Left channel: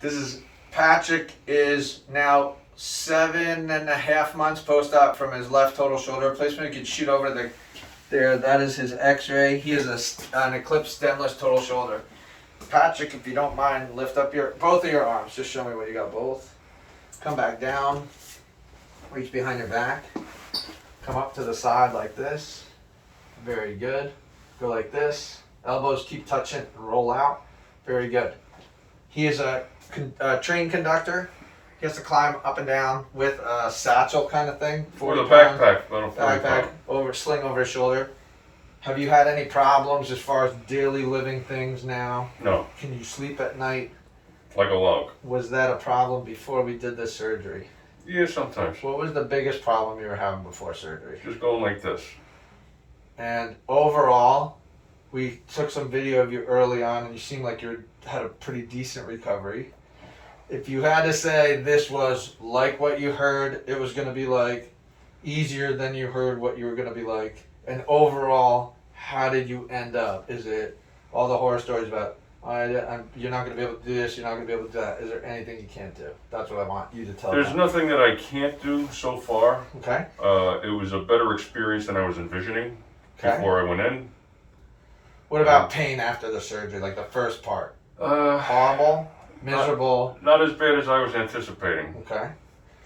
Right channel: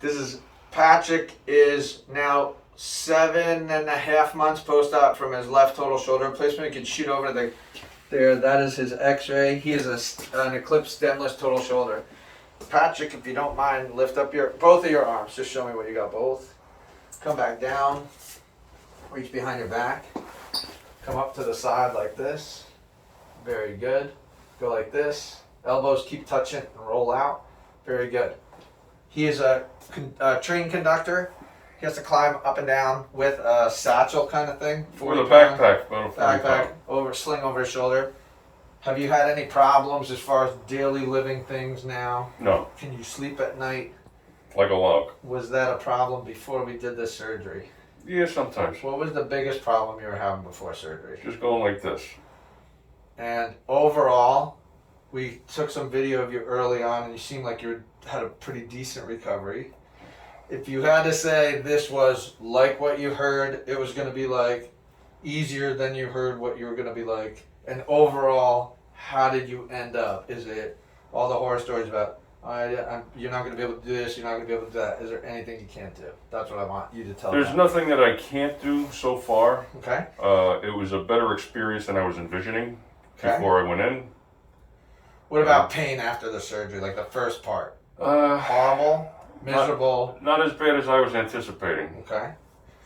This is Patrick is now 7.5 months post-op from his left total shoulder replacement. You can shoot over to there. That is his X-ray. He has an eclipse stemless total shoulder. Patrick, if you don't mind, lift up both of your arms. Just show me what you got both. Come back down. Reach behind your back. Come up to the side like this. Very good. Go like this. Elbows keep touching and roll out. Very good. He is a trained conductor. He has to climb up and down with a satchel kind of thing. With a backpack. Sling over his shoulder. Have you had any problems as far as daily living things now? No. Can you sleep at night? Like a log. Was that a problem before we did this surgery? Yeah, sometimes. What was the biggest problem you were having before surgery? Just going like this. And overall, we took some video of you early on and you seemed like you had a pretty decent recovery. If you had to say this was like what you heard, it was going to be like easier than you heard what you were going to be like. And overall, how did you end up? Is it all the horror stories about, you're not going to be able to do this, you're not going to be able to do that? Is there anything you can't do? That's what I want you to tell me. There's nothing that I can't do so far. Okay. It was a better experience than I was envisioning before I went in. What about pain after the surgery, like the first part? Horrible? Miserable? Not as bad as I was anticipating. Okay.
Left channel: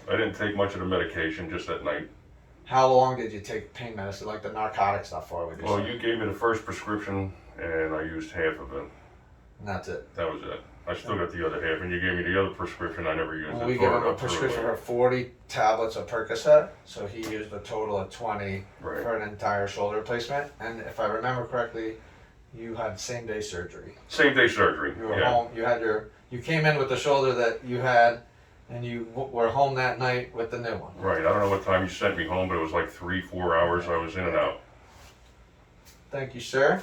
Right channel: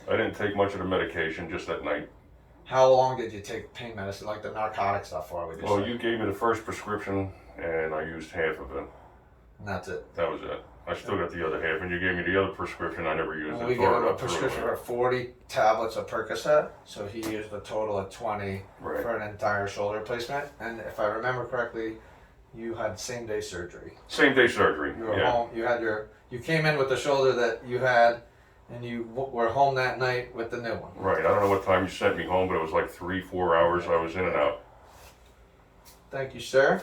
I didn't take much of the medication, just at night. How long did you take pain medicine, like the narcotic stuff for? Well, you gave me the first prescription, and I used half of it. And that's it. That was it. I still got the other half, and you gave me the other prescription. I never used it. We gave him a prescription for 40 tablets of Percocet, so he used a total of 20 for an entire shoulder replacement. And if I remember correctly, you had same-day surgery. Same-day surgery. You were home. You came in with the shoulder that you had, and you were home that night with the new one. Right. I don't know what time you sent me home, but it was like 3-4 hours I was in and out. Thank you, sir.